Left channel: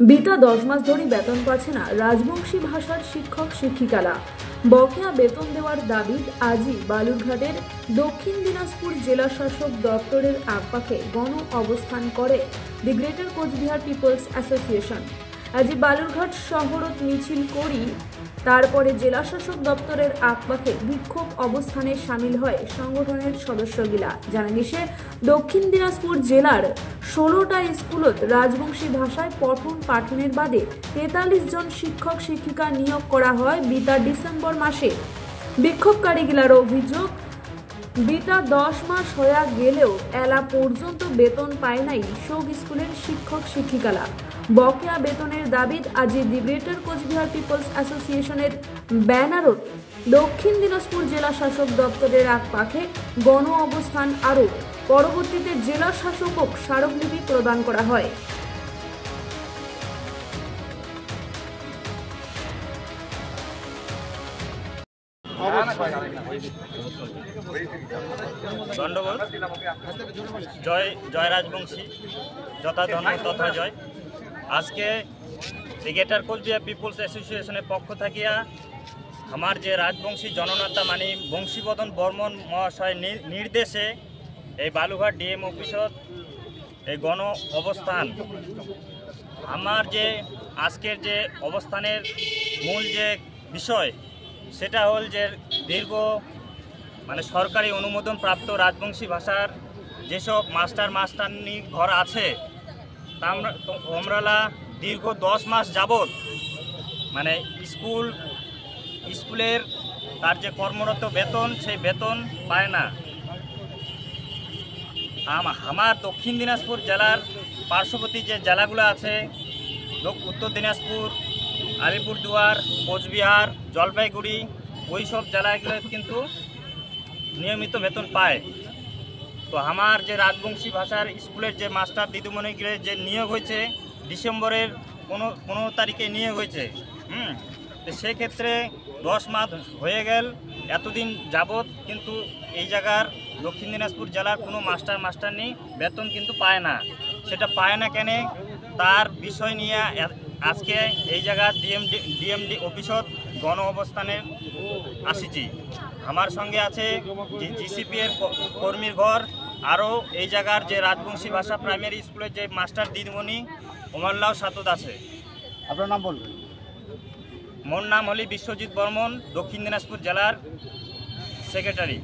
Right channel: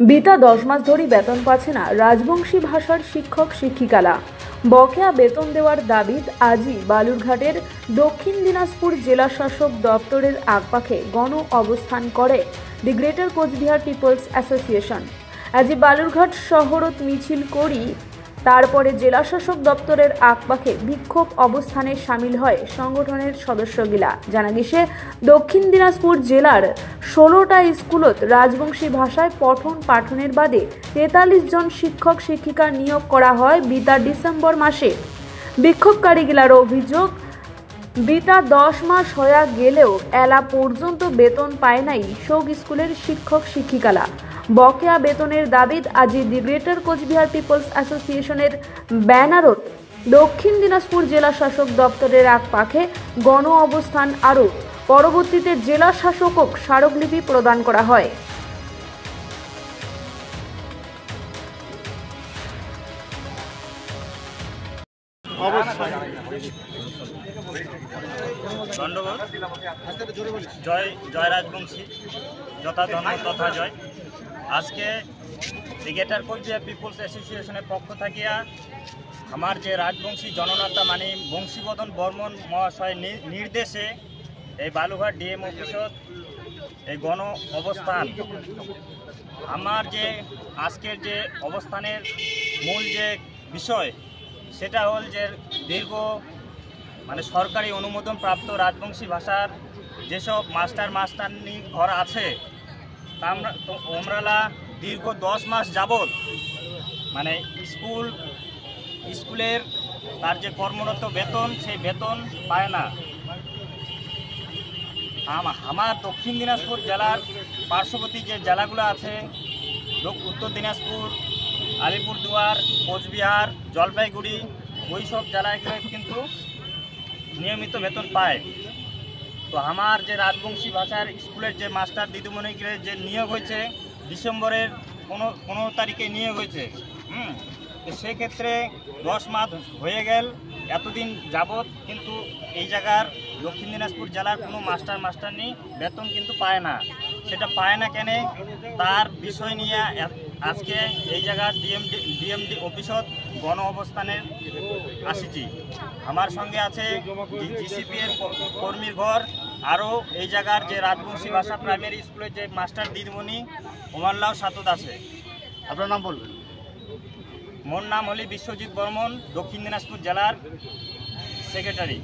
বিতা 10 মাস ধরে বেতন পাচ্ছে না রাজবংশী ভাষার শিক্ষক শিক্ষিকারা। বকেয়া বেতন দেওয়ার দাবিতে আজই বালুরঘাটের দক্ষিণ দিনাজপুর জেলা শাসক দপ্তরের আগপাখে গণ অবস্থান করে the greater Cooch Behar peoples association. আজই বালুরঘাট শহরত মিছিল করি তারপরে জেলা শাসক দপ্তরের আগপাখে বিক্ষোভ অবস্থানে সামিল হয় সংগঠনের সদস্যগিলা। জানা গেছে দক্ষিণ দিনাজপুর জেলার 16টা স্কুলত রাজবংশী ভাষায় পঠন পাঠনের বাদে 43 জন শিক্ষক শিক্ষিকা নিয়োগ করা হয় বিতা ডিসেম্বর মাসে। বিক্ষোভকারীগিলার অভিযোগ, বিতা 10 মাস হয়ে গেলেও এলা পর্যন্ত বেতন পায় নাই সব স্কুলের শিক্ষক শিক্ষিকারা। বকেয়া বেতনের দাবিত আজি দি গ্রেটার কোচবিহার পিপলস অ্যাসোসিয়েশনের ব্যানারত দক্ষিণ দিনাজপুর জেলা শাসক দপ্তরের আগপাখে গণ অবস্থান আরও পরবর্তীতে জেলা শাসকক স্মারকলিপি প্রদান করা হয়। ধন্যবাদ। জয় জয় রাজবংশী, যথা ধর্ম তথা জয়। আজকে দি গ্রেটার কোচবিহার পিপলস অ্যাসোসিয়েশনের পক্ষ থাকিয়া আমার যে রাজবংশী জননেতা মানে বংশীবদন বর্মন মহাশয় নির্দেশে এই বালুঘাট ডিএম অফিসত এই গণ অবস্থান। আমার যে আজকের যে অবস্থানের মূল যে বিষয় সেটা হল যে দীর্ঘ মানে সরকারি অনুমোদন প্রাপ্ত রাজবংশী ভাষার যেসব মাস্টারনি ঘর আছে তা আমরা দীর্ঘ 10 মাস যাবৎ মানে স্কুলের তার যে কর্মরত বেতন সেই বেতন পায় না। আমার দক্ষিণ দিনাজপুর জেলার পার্শ্ববর্তী যে জেলাগুলো আছে উত্তর দিনাজপুর, আলিপুরদুয়ার, কোচবিহার, জলপাইগুড়ি, ওই সব জেলাগুলো কিন্তু নিয়মিত বেতন পায়। তো আমার যে রাজবংশী ভাষার স্কুলের যে মাস্টার দিদিমণিগুলো যে নিয়োগ হয়েছে ডিসেম্বরের 15 তারিখে নিয়োগ হয়েছে। তো সেক্ষেত্রে 10 মাস হয়ে গেল এতদিন যাবৎ কিন্তু এই জায়গার দক্ষিণ দিনাজপুর জেলার কোনো মাস্টারনি বেতন কিন্তু পায় না। সেটা পায় না কেন তার বিষয় নিয়ে আজকে এই জায়গার ডিএমডি অফিসত গণ অবস্থানে আসিছি। আমার সঙ্গে আছে জিসিপি এর কর্মীর ঘর, আরও এই জায়গার যে রাজবংশী ভাষা প্রাইমারি স্কুলের যে মাস্টার দিদিমণি ওমাল্লাও সাতত আছে। আপনার নাম বলবেন? মোর নাম হলি বিশ্বজিৎ বর্মন, দক্ষিণ দিনাজপুর জেলার সেক্রেটারি।